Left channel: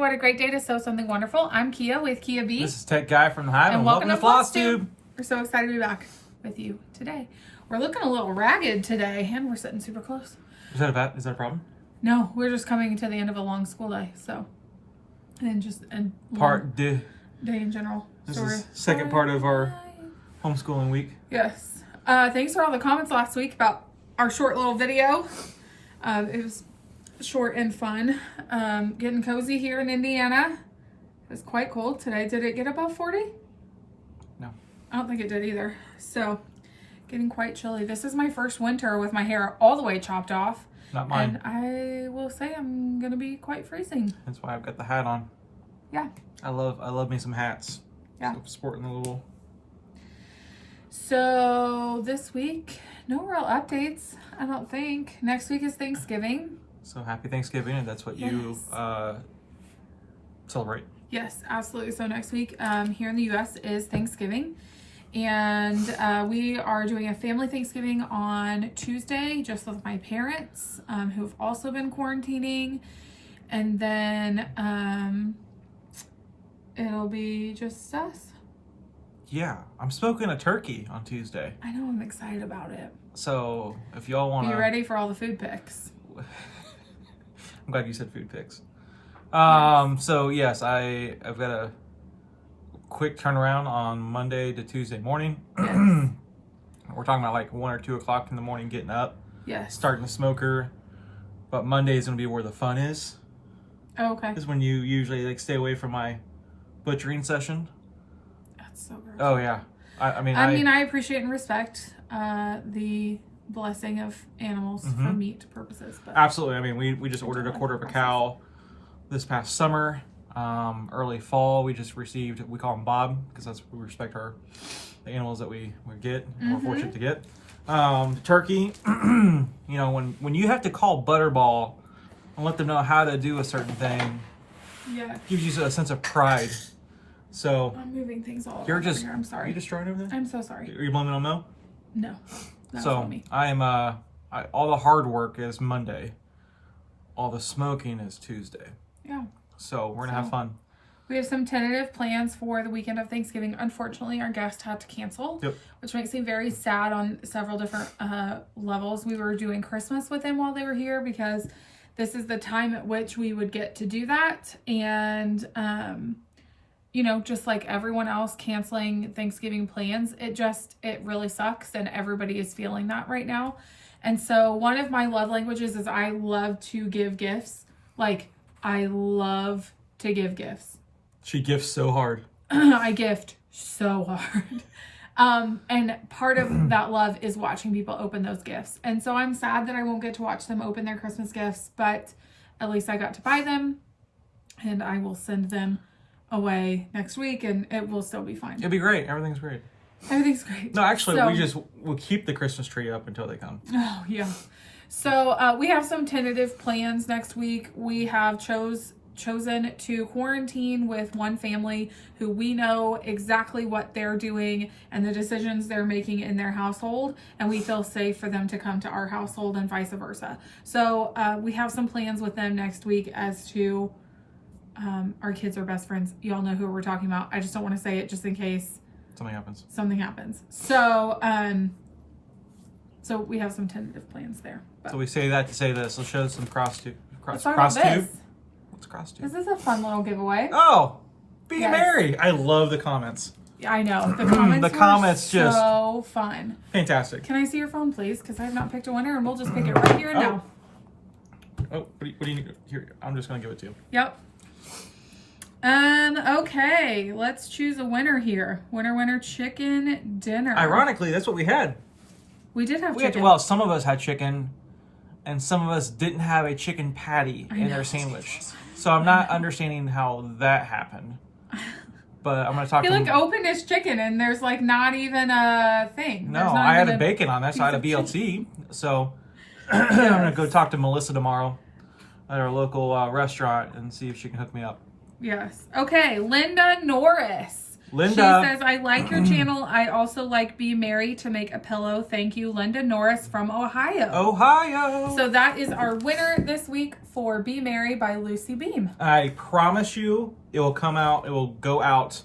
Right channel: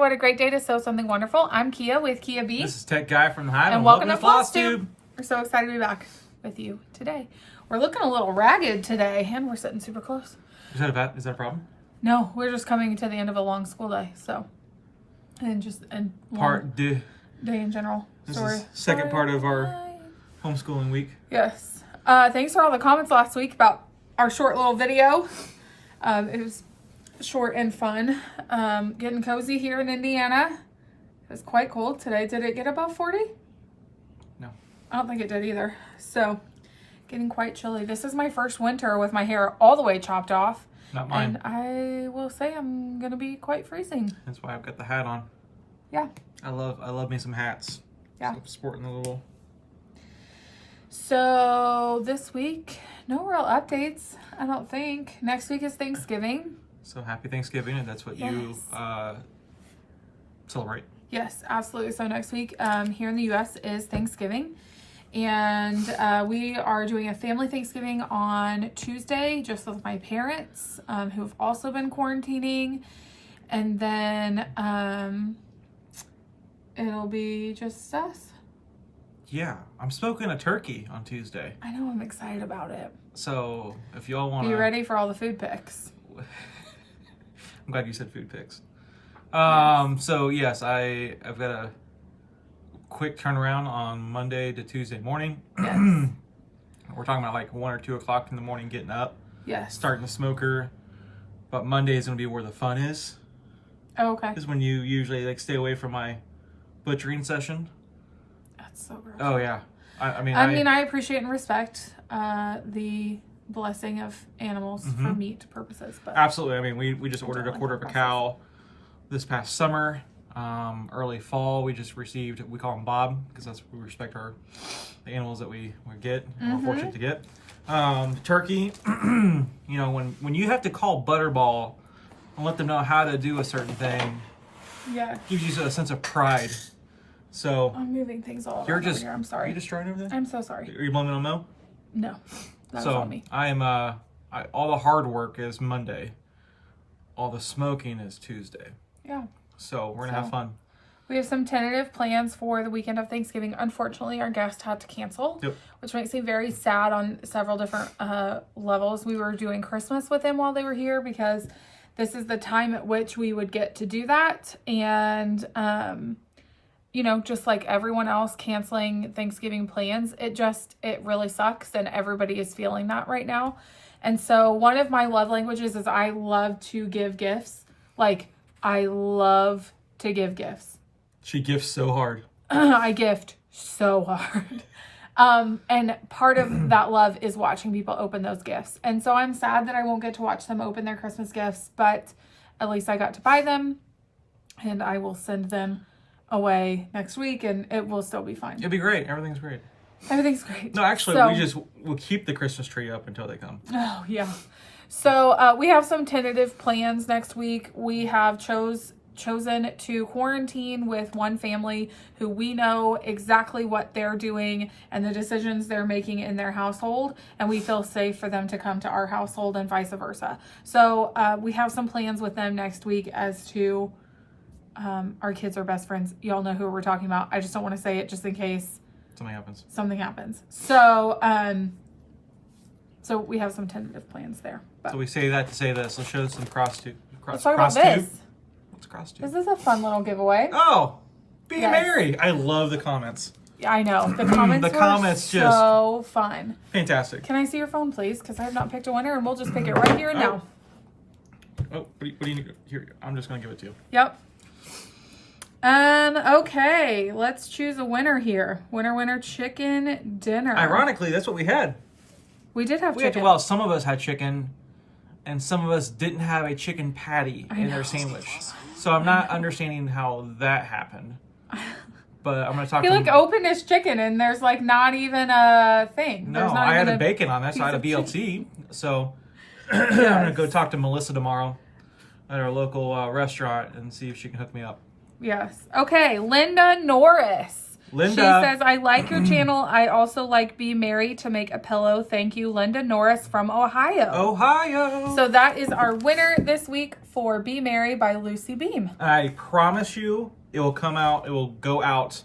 what a great day to sew something wonderful. I'm Kia with Kia B. This is Tech Guy from the Hive, and welcome to Flosstube. We're so excited to be back with you today. We're looking a little ragged today, and we're sitting super close. Is that a problem? No, we're just coming to the end of a long school day, so and Part day in general. This is second part of our homeschooling week. Yes. Thanks for all the comments last week about our short little video. It was short and fun. Getting cozy here in Indiana. It was quite cold today. Did it get above 40? No. I don't think it did either. So, getting quite chilly. This is my first winter with my hair all the way chopped off. Not mine. And I will say I'm going to be quite freezing. That's why I've got the hat on. Yeah. I love me some hats. Yeah. Sporting the little. So, this week, no real updates, I don't think. Next week is Thanksgiving. So happy Thanksgiving, and that's what you celebrate. Yes, absolutely. So next week here in the U.S. is Thanksgiving. And we are doing a family Thanksgiving on Tuesday, just with my parents, who've also been quarantining. And then it'll be just us. Yeah, I'm smoking a turkey on Tuesday. I know, I'm excited about it. So if y'all want to... Are you ready for all the food pics? I'm glad you said food pics. So yes, I've got a quick turnaround on Monday to Tuesday morning. Yes. We're talking about like 1 or 2 o'clock in the morning getting up. Yes. Starting the smoker. But Monday is going to be where the fun is. Oh, okay. Is when you usually like stay away from my butchering session. That's so gross. Oh yeah. I mean, I appreciate and respect the blessing of animals for meat purposes. But absolutely. I mean, we just ordered a quarter of a cow this past summer. Early fall, we just received, we call them Bob because that's we respect the animals that we get and we're fortunate to get. The turkey, you know, when you have to call Butterball and let them know how to do a certain thing, yeah, gives you a sense of pride. So I'm moving things all you're over just here. I'm sorry. You're destroying everything? I'm so sorry. Are you blaming it on Mo? No. That So was on me. I am all the hard work is Monday. All the smoking is Tuesday. Yeah. So we're gonna have fun. We have some tentative plans for the weekend of Thanksgiving. Unfortunately, our guest had to cancel, which makes me very sad on several different levels. We were doing Christmas with them while they were here because this is the time at which we would get to do that. And, you know, just like everyone else canceling Thanksgiving plans, it really sucks. And everybody is feeling that right now. And so one of my love languages is I love to give gifts. Like, I love to give gifts. She gifts so hard. I gift so hard. And part of that love is watching people open those gifts. And so I'm sad that I won't get to watch them open their Christmas gifts, but at least I got to buy them and I will send them away next week and it will still be fine. It'll be great. Everything's great. Everything's great. No, actually, we'll keep the Christmas tree up until they come. Oh, yeah. So we have some tentative plans next week. We have chosen to quarantine with one family who we know exactly what they're doing and the decisions they're making in their household, and we feel safe for them to come to our household and vice versa. So we have some plans with them next week as to our kids are best friends. Y'all know who we're talking about. I just don't want to say it just in case something happens. So we have some tentative plans there. So we say that to say this. Let's show some Flosstube. Let's talk about this. What's Flosstube? This is a fun little giveaway. Oh, be merry. I love the comments. I know. The comments were so fun. Fantastic. Can I see your phone, please? Because I have not picked a winner, and we'll just pick it right here and now. Oh, what do you need? Here, I'm just going to give it to you. Yep. Okay. Let's choose a winner here. Winner, chicken dinner. Ironically, that's what we had. We did have chicken. Well, some of us had chicken, and some of us didn't have a chicken patty in their sandwich. So I'm not understanding how that happened. But I'm going to talk to him. He opened his chicken, and there's like not even a thing. No, I had a bacon on that, so I had a BLT. So I'm going to go talk to Melissa tomorrow at our local restaurant and see if she can hook me up. Yes. Okay, Linda Norris. Linda. She says, I like your channel. I also like Be Merry to make a pillow. Thank you, Linda Norris from Ohio. Ohio. So that is our winner this week for Be Merry by Lucy Beam. I promise you, it will go out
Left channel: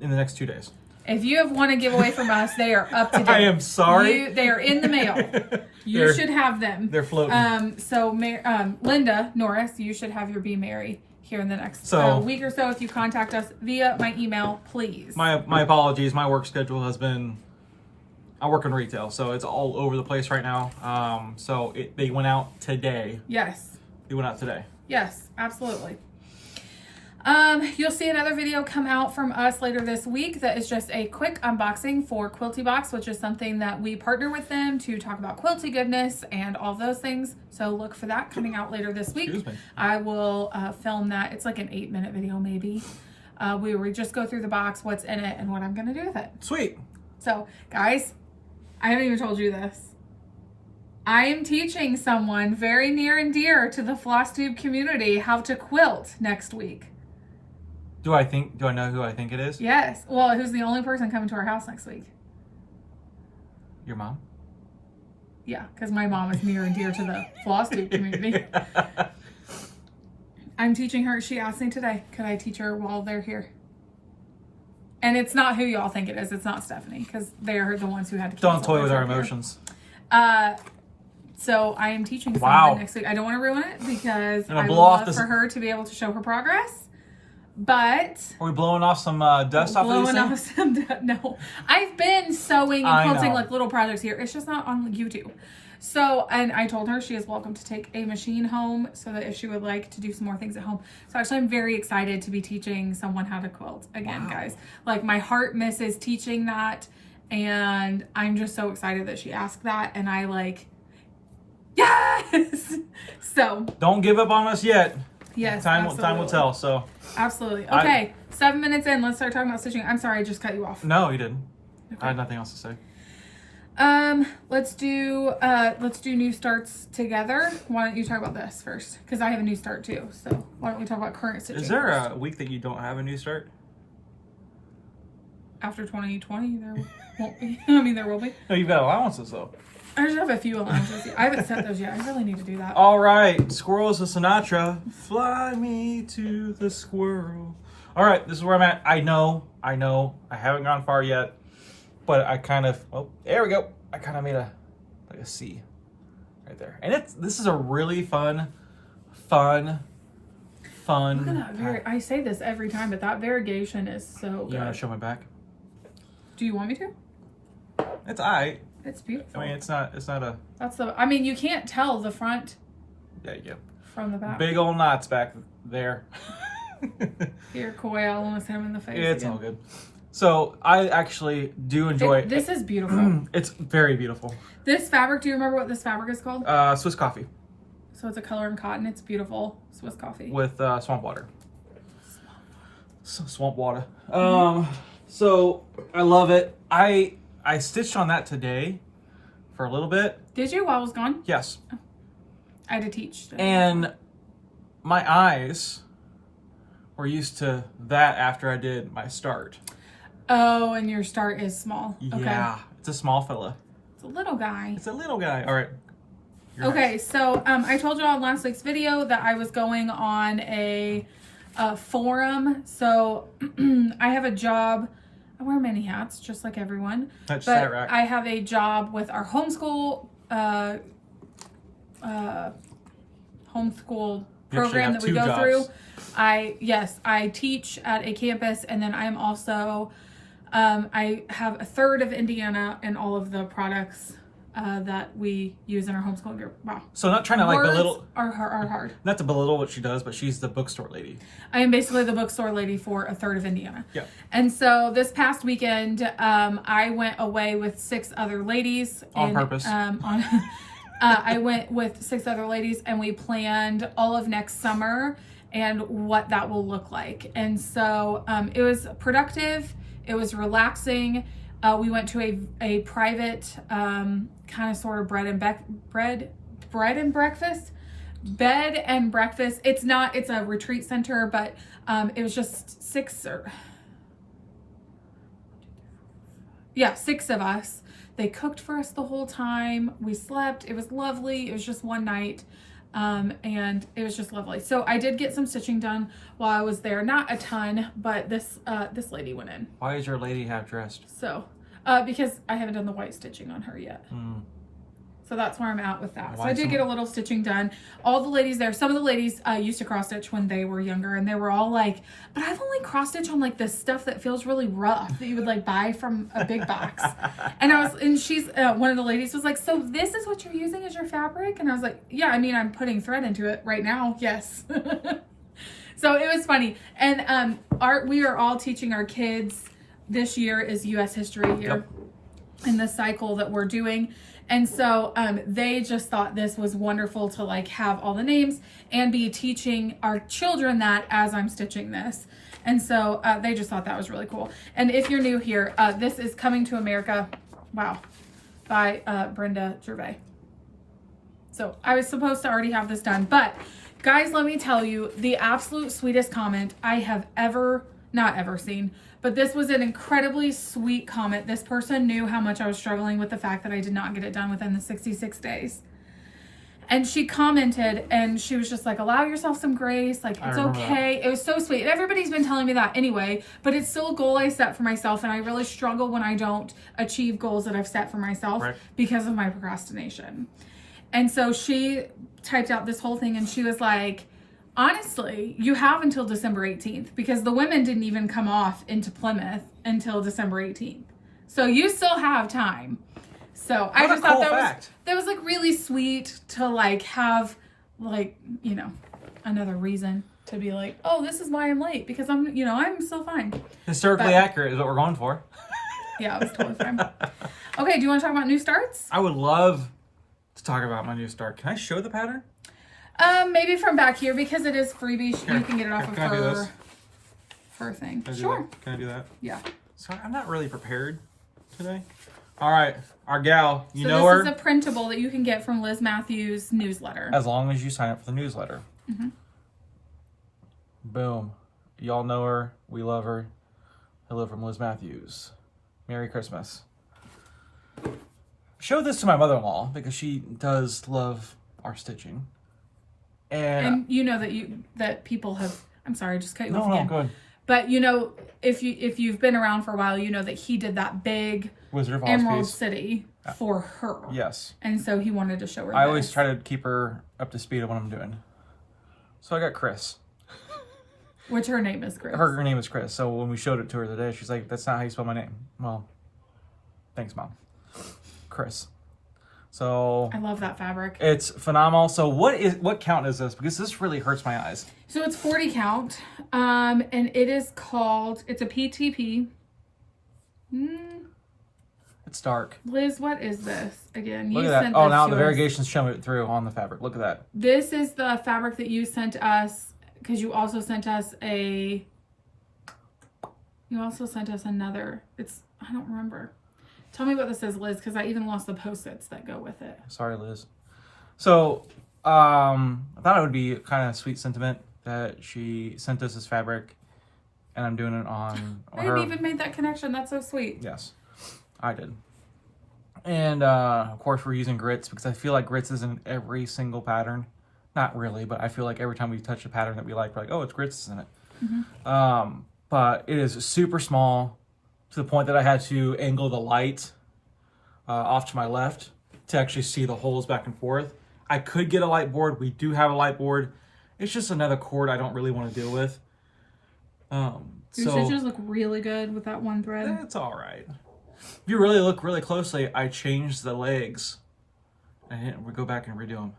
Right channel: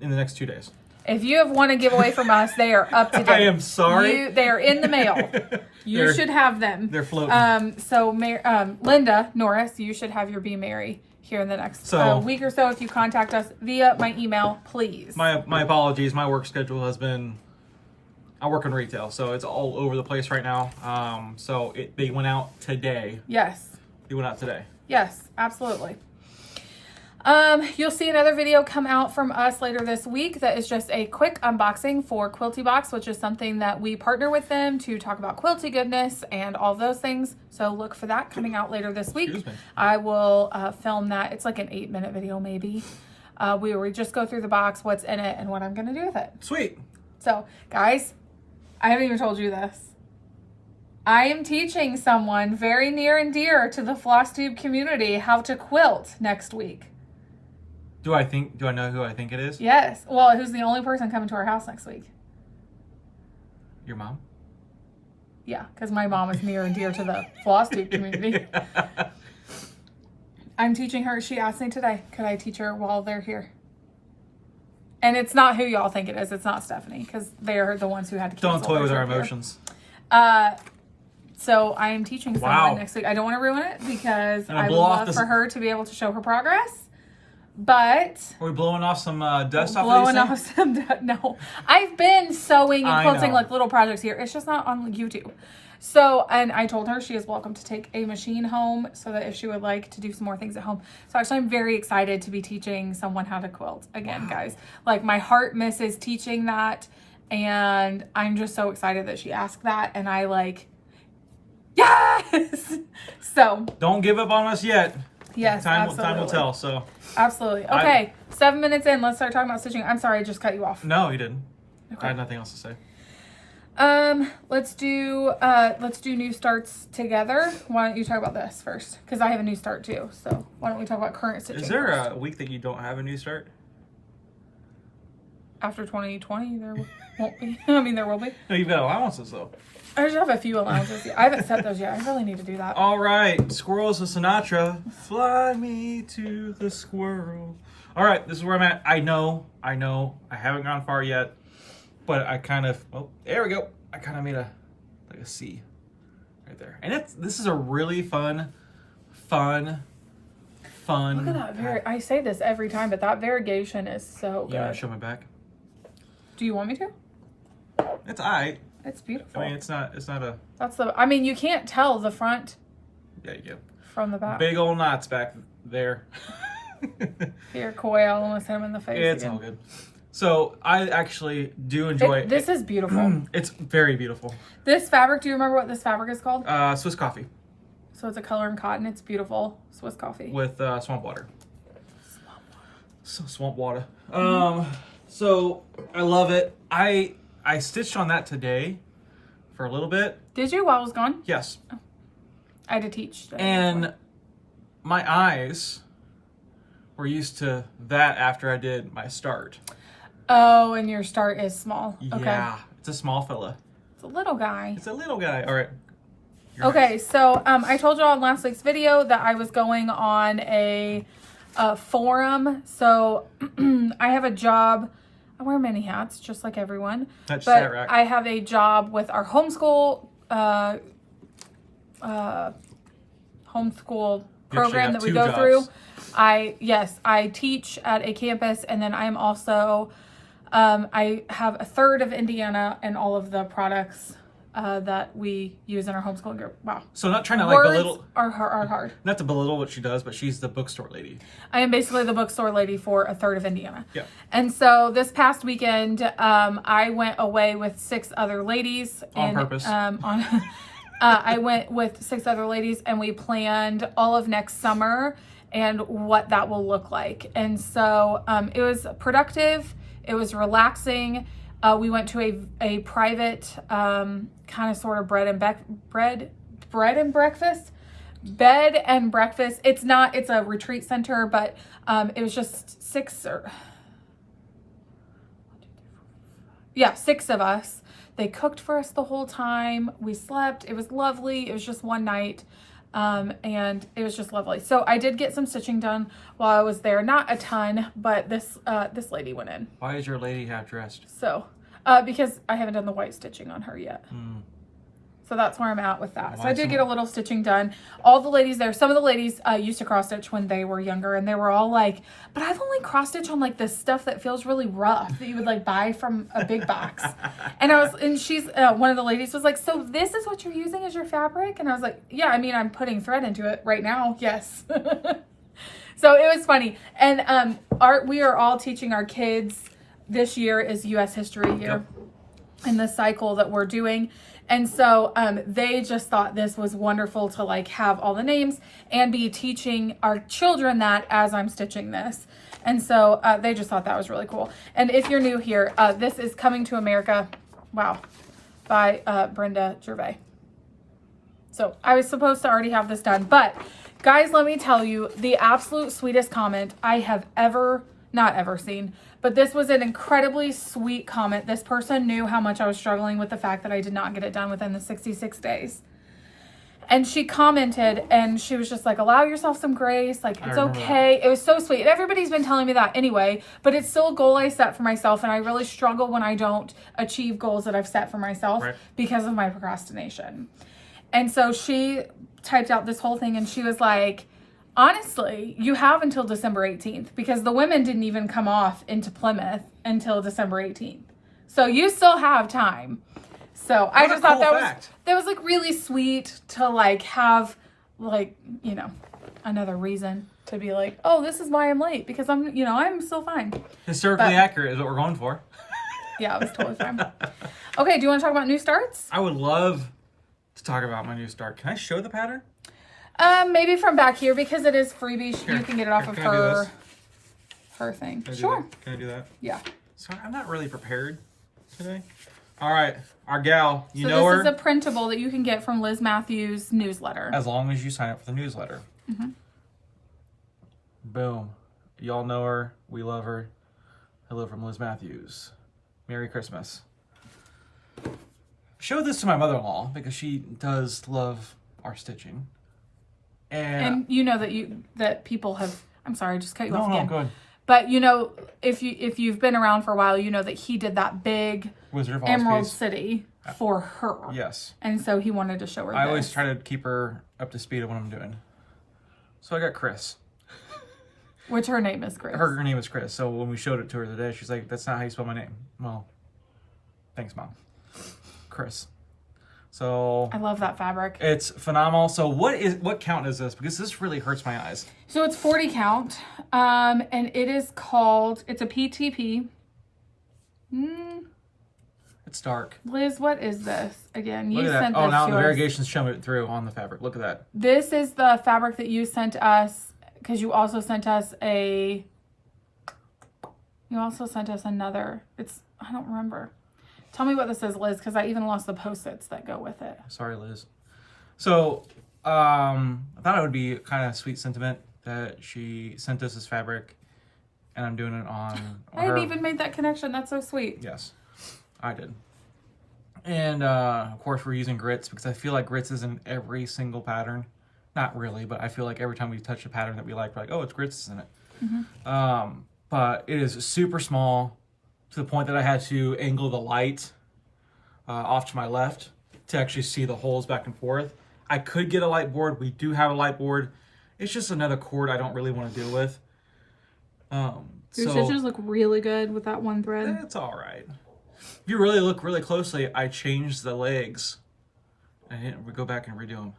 in the next 2 days. If you have won a giveaway from us, they are up to date. I am sorry. They are in the mail. You should have them. They're floating. So Linda Norris, you should have your Be Merry here in the next week or so if you contact us via my email, please. My apologies. My work schedule has been... I work in retail, so it's all over the place right now. So they went out today. Yes. They went out today. Yes, absolutely. You'll see another video come out from us later this week that is just a quick unboxing for Quilty Box, which is something that we partner with them to talk about quilty goodness and all those things. So look for that coming out later this week. I will film that. It's like an 8-minute video maybe. We just go through the box, what's in it, and what I'm going to do with it. Sweet. So, guys, I haven't even told you this. I am teaching someone very near and dear to the Flosstube community how to quilt next week. Do I know who I think it is? Yes. Well, who's the only person coming to our house next week? Your mom? Yeah, because my mom is near and dear to the Flosstube community. I'm teaching her. She asked me today, could I teach her while they're here? And it's not who y'all think it is. It's not Stephanie, because they are the ones who had to cancel. Don't toy with our emotions. So I am teaching someone next week. I don't want to ruin it because I would love for her to be able to show her progress. But are we blowing off some dust off of these things? No. I've been sewing and quilting like little projects here. It's just not on YouTube. So, and I told her she is welcome to take a machine home so that if she would like to do some more things at home. So actually I'm very excited to be teaching someone how to quilt again, guys. Like my heart misses teaching that. And I'm just so excited that she asked that. And I like, yes! So. Don't give up on us yet. Yes, time will tell, so. Absolutely. Okay, 7 minutes in. Let's start talking about stitching. I'm sorry, I just cut you off. No, you didn't. Okay. I had nothing else to say. Let's do new starts together. Why don't you talk about this first? Because I have a new start too. So why don't we talk about current stitching? Is there a week that you don't have a new start? After 2020, there won't be. I mean, there will be. No, you've got allowances though. I just have a few allowances. I haven't set those yet. I really need to do that. All right, Squirrels of Sinatra. Fly me to the squirrel. All right, this is where I'm at. I know. I haven't gone far yet, but I kind of. Oh, there we go. I kind of made a C right there, and this is a really fun. Look at that. I say this every time, but that variegation is so good. You want to show my back? Do you want me to? It's alright. It's beautiful. I mean, it's not a... I mean, you can't tell the front. Yeah, you go. From the back. Big old knots back there. Here, Koi, I almost hit him in the face. Yeah, it's all good. So, I actually do enjoy it. This is beautiful. It's very beautiful. This fabric, do you remember what this fabric is called? Swiss Coffee. So, it's a color in cotton. It's beautiful. Swiss Coffee. With swamp water. Swamp water. So, I love it. I stitched on that today for a little bit. Did you while I was gone? Yes. Oh. I had to teach today. And my eyes were used to that after I did my start. Oh, and your start is small. Yeah. Okay. It's a small fella. It's a little guy. It's a little guy. All right. Okay, so I told you all in last week's video that I was going on a forum. So I have a job. I wear many hats, just like everyone. That's but rack. I have a job with our homeschool program that we go through. I teach at a campus, and then I'm also I have a third of Indiana and all of the products that we use in our homeschool group. Wow. So not trying to like belittle. Are hard. Not to belittle what she does, but she's the bookstore lady. I am basically the bookstore lady for a third of Indiana. Yeah. And so this past weekend, I went away with 6 other ladies. On purpose. I went with 6 other ladies, and we planned all of next summer and what that will look like. And so it was productive. It was relaxing. We went to a private kind of sort of bed and breakfast. It's a retreat center, but it was just 6 or Yeah, 6 of us. They cooked for us the whole time. We slept. It was lovely. It was just one night. And it was just lovely. So I did get some stitching done while I was there. Not a ton, but this lady went in. Why is your lady half dressed? So, because I haven't done the white stitching on her yet. So that's where I'm at with that. So I did get a little stitching done. All the ladies there, some of the ladies used to cross stitch when they were younger, and they were all like, but I've only cross stitched on like this stuff that feels really rough that you would like buy from a big box. And she's, one of the ladies was like, so this is what you're using as your fabric? And I was like, yeah, I mean, I'm putting thread into it right now. Yes. So it was funny. And we are all teaching our kids. This year is U.S. history year in the cycle that we're doing. And so they just thought this was wonderful to like have all the names and be teaching our children that as I'm stitching this. And so they just thought that was really cool. And if you're new here, this is Coming to America, wow, by Brenda Gervais. So I was supposed to already have this done. But guys, let me tell you, the absolute sweetest comment I have not ever seen. But this was an incredibly sweet comment. This person knew how much I was struggling with the fact that I did not get it done within the 66 days. And she commented, and she was just like, allow yourself some grace. Like, it's okay. That. It was so sweet. And everybody's been telling me that anyway, but it's still a goal I set for myself. And I really struggle when I don't achieve goals that I've set for myself because of my procrastination. And so she typed out this whole thing, and she was like, honestly, you have until December 18th because the women didn't even come off into Plymouth until December 18th. So you still have time. So I just thought that was like really sweet to like have like, you know, another reason to be like, oh, this is why I'm late because I'm still fine. Historically accurate is what we're going for. Yeah, it was totally fine. Okay, do you want to talk about new starts? I would love to talk about my new start. Can I show the pattern? Maybe from back here because it is freebie. You can get it off of her thing. Sure. Can I do that? Yeah. Sorry, I'm not really prepared today. All right, our gal, you know her. This is a printable that you can get from Liz Mathews' newsletter. As long as you sign up for the newsletter. Boom. Y'all know her. We love her. Hello from Liz Mathews. Merry Christmas. Show this to my mother-in-law because she does love our stitching. And you know that people have. I'm sorry, just cut you off. No, go ahead. But you know, if you've been around for a while, you know that he did that big Wizard of Oz Emerald piece. City for her. Yes. And so he wanted to show her. I always try to keep her up to speed of what I'm doing. So I got Chris. Which her name is Chris. Her name is Chris. So when we showed it to her today, she's like, "That's not how you spell my name." Well, thanks, Mom. Chris. So I love that fabric. It's phenomenal. So what count is this? Because this really hurts my eyes. So it's 40 count. And it is called, it's a PTP. It's dark. Liz, what is this? Again, Look at that. Oh, now the variegation's showing through on the fabric. Look at that. This is the fabric that you sent us because you also sent us another. I don't remember. Tell me what this is, Liz, because I even lost the Post-its that go with it. Sorry, Liz. So, I thought it would be kind of sweet sentiment that she sent us this fabric, and I'm doing it on I didn't even make that connection. That's so sweet. Yes, I did. And, of course, we're using grits because I feel like grits is in every single pattern. Not really, but I feel like every time we touch a pattern that we like, we're like, oh, it's grits in it. But it is super small, to the point that I had to angle the light off to my left to actually see the holes back and forth. I could get a light board. We do have a light board. It's just another cord I don't really want to deal with. Your stitches look really good with that one thread. It's all right. If you really look really closely, I changed the legs. I didn't go back and redo them.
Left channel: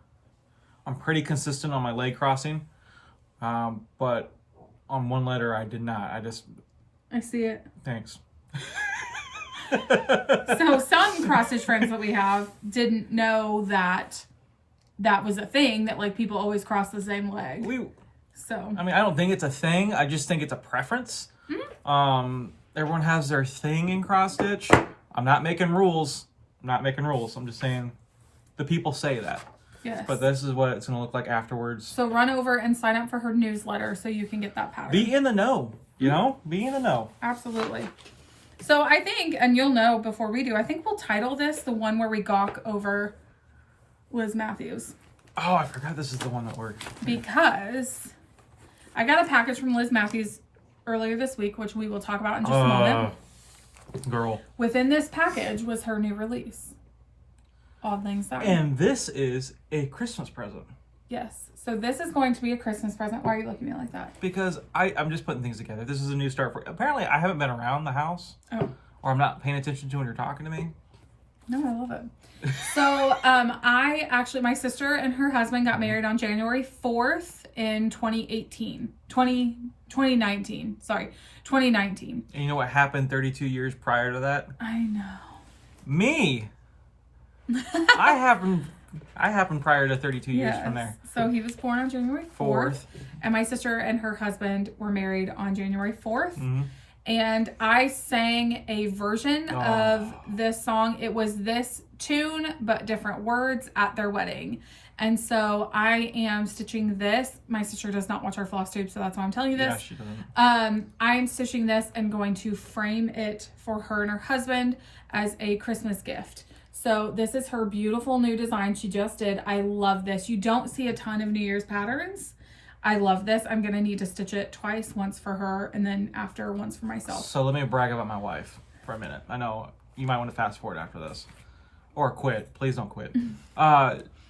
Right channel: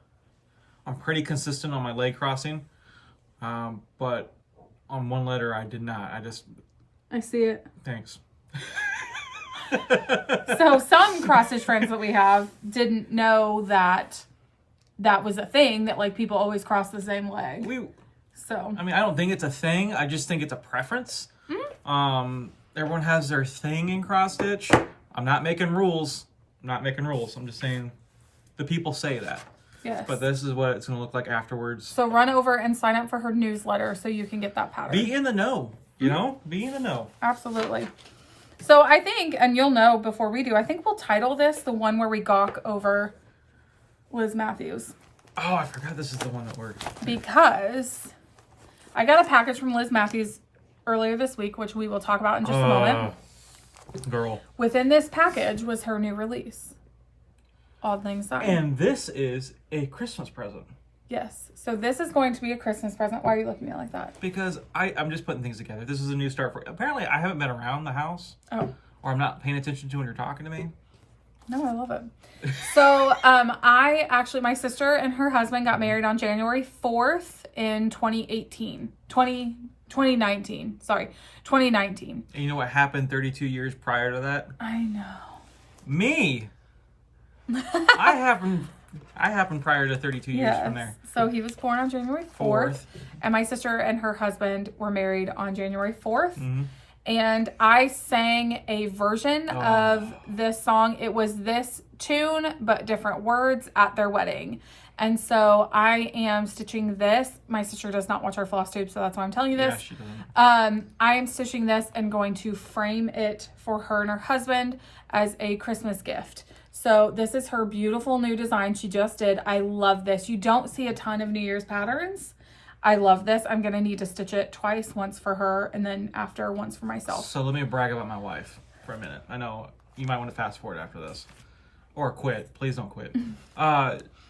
I'm pretty consistent on my leg crossing, but on one letter I did not. I see it. Thanks. So some cross-stitch friends that we have didn't know that was a thing, that like people always cross the same leg. I mean, I don't think it's a thing. I just think it's a preference. Everyone has their thing in cross-stitch. I'm not making rules. I'm just saying the people say that. Yes. But this is what it's going to look like afterwards. So run over and sign up for her newsletter so you can get that pattern. Be in the know. You know? Be in the know. Absolutely. So I think, and you'll know before we do, I think we'll title this the one where we gawk over Liz Mathews. Oh, I forgot this is the one that works. Because I got a package from Liz Mathews earlier this week, which we will talk about in just a moment. Girl. Within this package was her new release, Odd Lang Syne. And this is a Christmas present. Yes. So this is going to be a Christmas present. Why are you looking at me like that? Because I'm just putting things together. This is a new start for... Apparently, I haven't been around the house. Oh. Or I'm not paying attention to when you're talking to me. No, I love it. So, my sister and her husband got married on January 4th in 2019. And you know what happened 32 years prior to that? I know. Me! I happened prior to 32 years from there. So he was born on January 4th. And my sister and her husband were married on January 4th. Mm-hmm. And I sang a version of this song. It was this tune, but different words at their wedding. And so I am stitching this. My sister does not watch our Flosstube, so that's why I'm telling you this. Yeah, she doesn't. I am stitching this and going to frame it for her and her husband as a Christmas gift. So this is her beautiful new design she just did. I love this. You don't see a ton of New Year's patterns. I love this. I'm going to need to stitch it twice, once for her and then after once for myself. So let me brag about my wife for a minute. I know you might want to fast forward after this. Or quit. Please don't quit.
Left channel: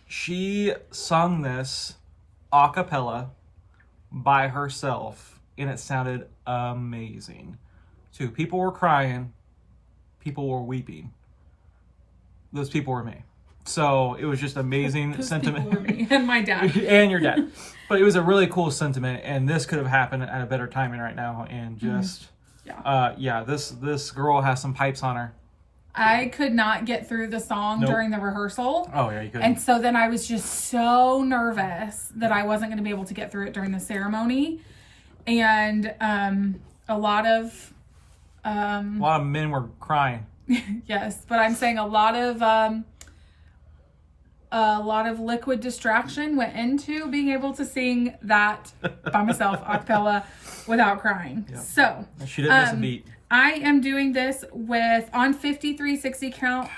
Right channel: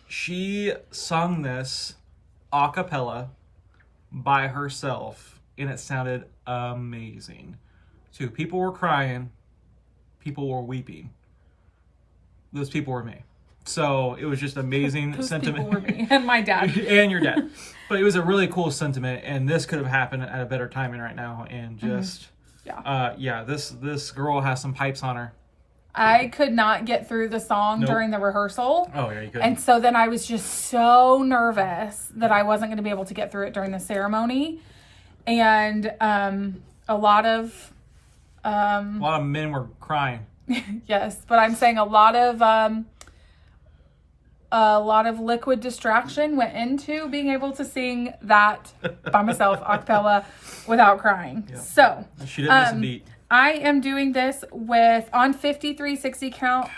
She sung this a cappella by herself and it sounded amazing. Too. People were crying. People were weeping. Those people were me. So it was just amazing Those sentiment. People were me and my dad. And your dad. But it was a really cool sentiment, and this could have happened at a better timing right now. And just, this girl has some pipes on her. I could not get through the song during the rehearsal. Oh, yeah, you couldn't. And so then I was just so nervous that I wasn't going to be able to get through it during the ceremony. And a lot of men were crying. Yes, but I'm saying a lot of liquid distraction went into being able to sing that by myself a cappella without crying. Yeah. So she didn't miss a beat. I am doing this on 5360 count,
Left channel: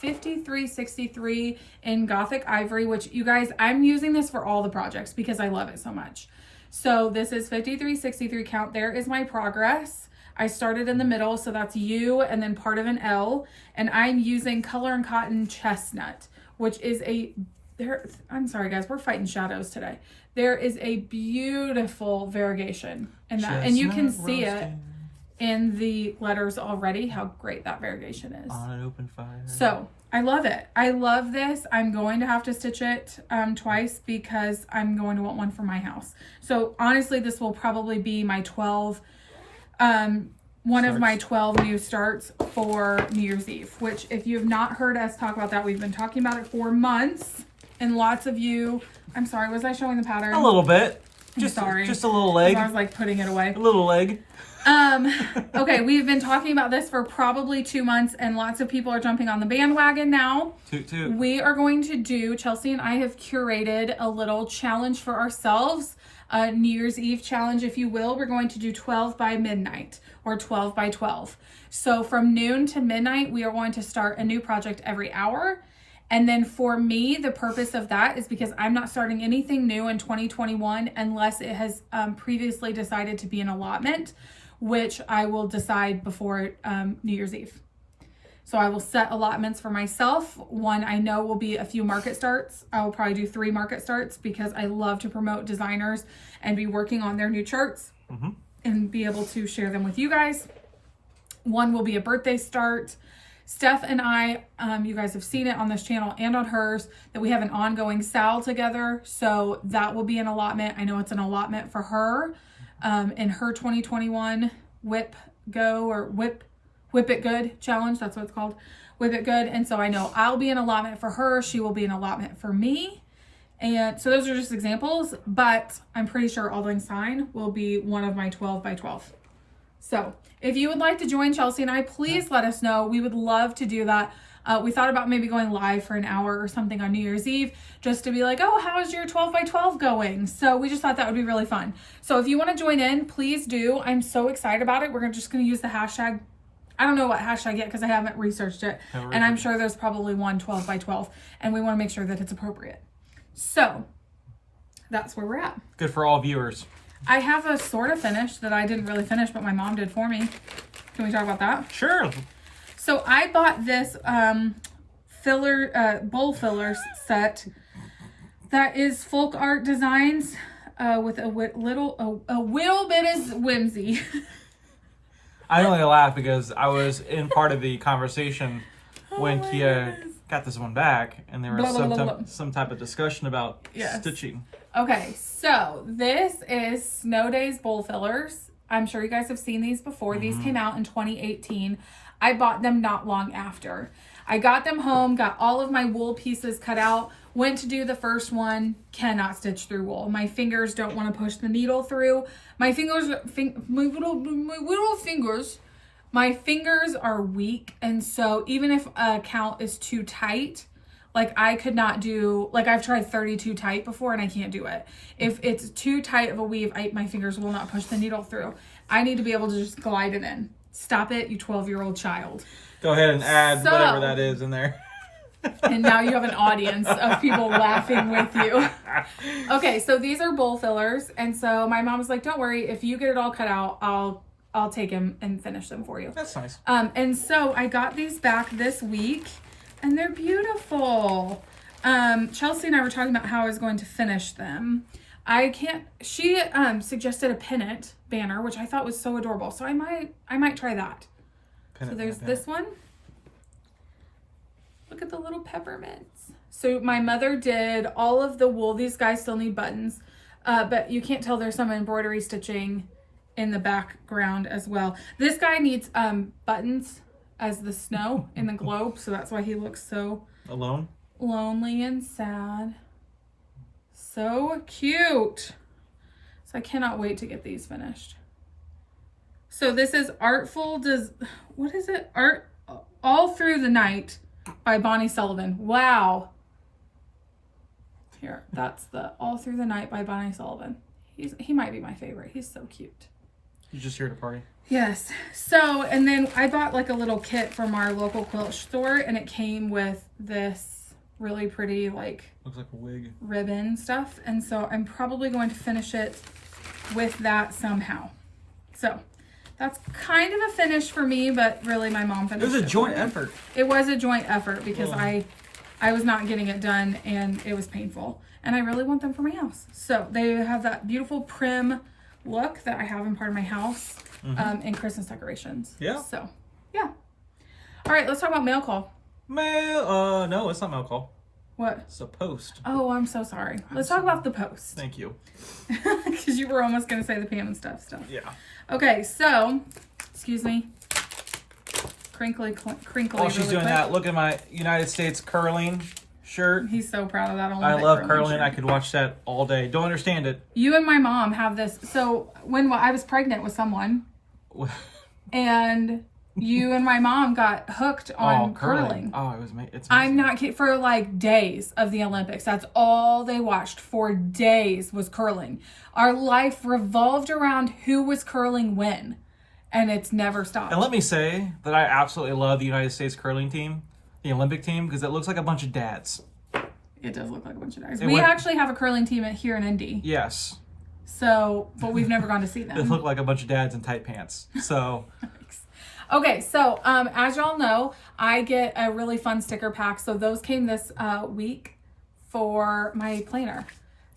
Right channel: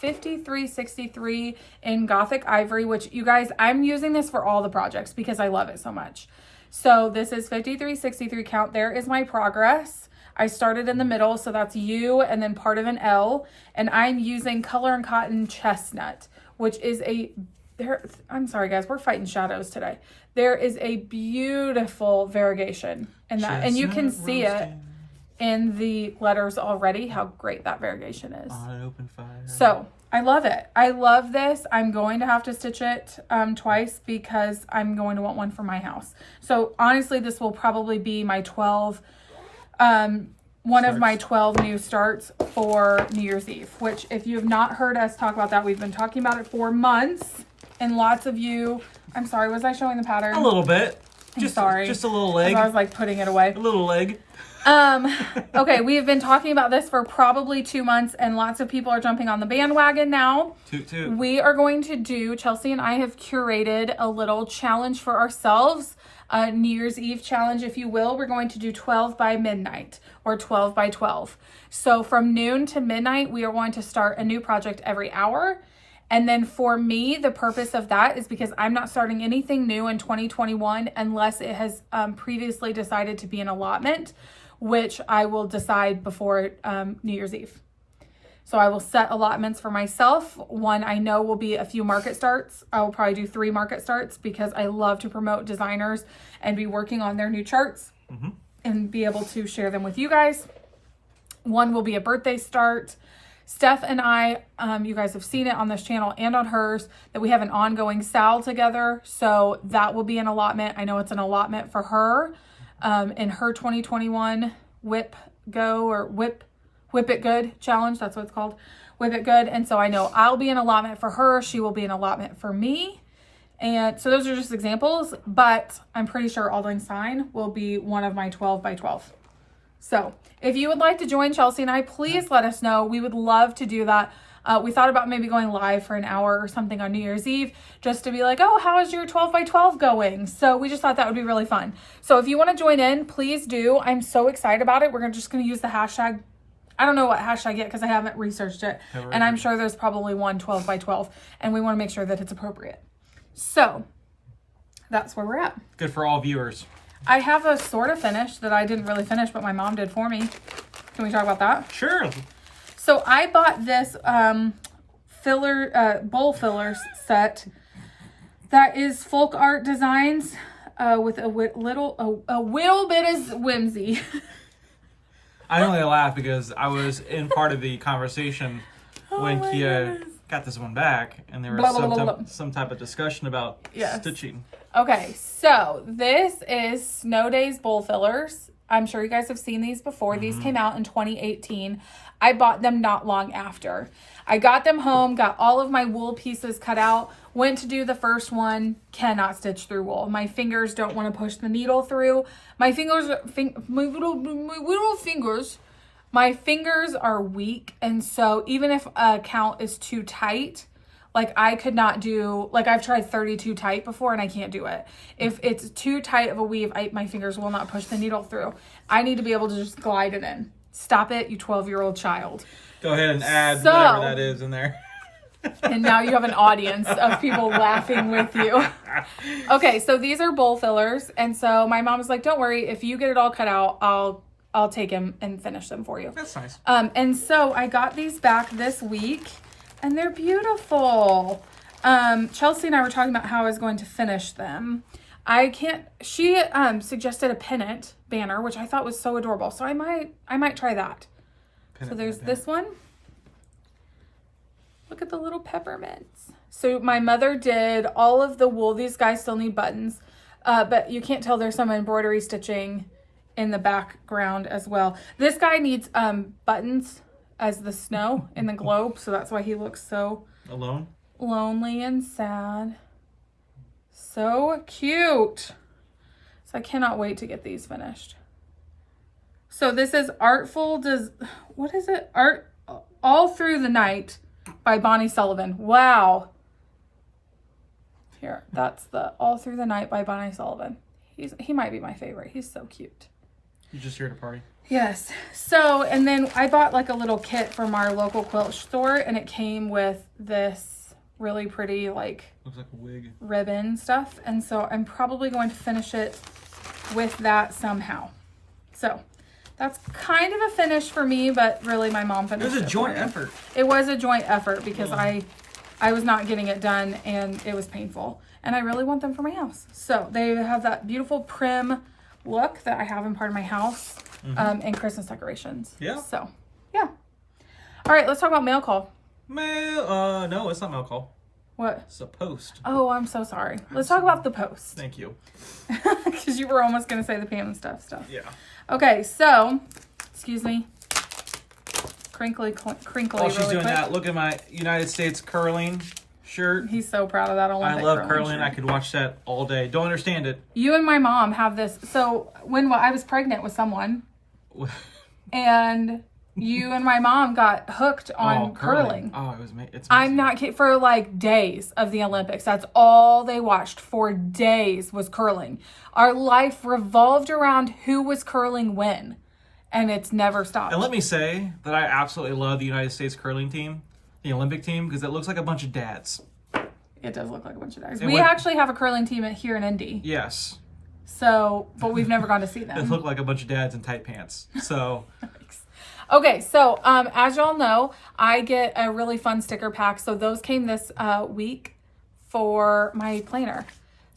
5363 in Gothic Ivory, which you guys, I'm using this for all the projects because I love it so much. So this is 5363 count. There is my progress. I started in the middle, so that's U and then part of an L. And I'm using Color and Cotton Chestnut, which is I'm sorry guys, we're fighting shadows today. There is a beautiful variegation in that. Chestnut and you can see it in the letters already, how great that variegation is. On an open fire. So I love it. I love this. I'm going to have to stitch it twice because I'm going to want one for my house. So honestly, this will probably be my 12 of my 12 new starts for New Year's Eve, which if you have not heard us talk about that, we've been talking about it for months. And lots of you, I'm sorry, was I showing the pattern? A little bit. Sorry. Just a little leg. I was like putting it away. A little leg. Okay, we've been talking about this for probably 2 months and lots of people are jumping on the bandwagon now. Toot. We are going to do, Chelsea and I have curated a little challenge for ourselves. A New Year's Eve challenge, if you will. We're going to do 12 by midnight or 12 by 12. So from noon to midnight, we are going to start a new project every hour. And then for me, the purpose of that is because I'm not starting anything new in 2021 unless it has previously decided to be an allotment, which I will decide before New Year's Eve. So I will set allotments for myself. One I know will be a few market starts. I will probably do 3 market starts because I love to promote designers and be working on their new charts and be able to share them with you guys. One will be a birthday start. Steph and I, you guys have seen it on this channel and on hers, that we have an ongoing sal together. So that will be an allotment. I know it's an allotment for her in her 2021 Whip It Good challenge. That's what it's called. Whip It Good. And so I know I'll be an allotment for her. She will be an allotment for me. And so those are just examples, but I'm pretty sure Auld Lang Syne will be one of my 12 by 12. So if you would like to join Chelsea and I, please let us know. We would love to do that. We thought about maybe going live for an hour or something on New Year's Eve just to be like, oh, how is your 12 by 12 going? So we just thought that would be really fun. So if you want to join in, please do. I'm so excited about it. We're just going to use the hashtag I don't know what hashtag yet because I haven't researched it. And I'm sure there's probably one 12 by 12. And we want to make sure that it's appropriate. So that's where we're at. Good for all viewers. I have a sort of finish that I didn't really finish, but my mom did for me. Can we talk about that? Sure. So I bought this bowl fillers set that is folk art designs with a little bit of whimsy. I only laugh because I was in part of the conversation when Kia got this one back, and there was some type of discussion about stitching. Okay, so this is Snow Days bowl fillers. I'm sure you guys have seen these before. These came out in 2018. I bought them not long after. I got them home, got all of my wool pieces cut out, went to do the first one, cannot stitch through wool. My fingers don't want to push the needle through. My fingers are weak, and so even if a count is too tight, like I could not do, like I've tried 32 tight before and I can't do it. If it's too tight of a weave, my fingers will not push the needle through. I need to be able to just glide it in. Stop it, you 12-year-old child. Go ahead and add whatever that is in there. And now you have an audience of people laughing with you. Okay, so these are bowl fillers. And so my mom was like, don't worry, if you get it all cut out, I'll take them and finish them for you. That's nice. And so I got these back this week. And they're beautiful. Chelsea and I were talking about how I was going to finish them. She suggested a pennant banner, which I thought was so adorable. So I might try that. So there's this one. Look at the little peppermints. So my mother did all of the wool. These guys still need buttons. But you can't tell there's some embroidery stitching in the background as well. This guy needs buttons as the snow in the globe, so that's why he looks so lonely and sad. So cute. So I cannot wait to get these finished. So this is what is it? Art All Through the Night by Bonnie Sullivan. Wow. Here, that's the All Through the Night by Bonnie Sullivan. He might be my favorite. He's so cute. You just here to party? Yes. So, and then I bought like a little kit from our local quilt store, and it came with this really pretty, like, looks like a wig ribbon stuff. And so I'm probably going to finish it with that somehow. So that's kind of a finish for me, but really my mom finished it. It was a joint effort. It was a joint effort because I was not getting it done and it was painful. And I really want them for my house. So they have that beautiful prim look that I have in part of my house. And Christmas decorations. Yeah. So, yeah. All right, let's talk about mail call. No, it's not mail call. What? It's a post. Oh, I'm so sorry. Let's talk about the post. Thank you. Because you were almost going to say the Pam and stuff. Yeah. Okay, so, excuse me. Crinkly. While she's doing that, look at my United States curling shirt. He's so proud of that. I love curling. I could watch that all day. Don't understand it. You and my mom have this. So when I was pregnant with someone, and you and my mom got hooked on curling. Oh, it's amazing. I'm not kidding. For like days of the Olympics, that's all they watched for days was curling. Our life revolved around who was curling when, and it's never stopped. And let me say that I absolutely love the United States curling team, the Olympic team, because it looks like a bunch of dads. It does look like a bunch of dads. We actually have a curling team here in Indy. Yes. So, but we've never gone to see them. They look like a bunch of dads in tight pants. So. Okay, so as y'all know, I get a really fun sticker pack. So those came this week for my planner.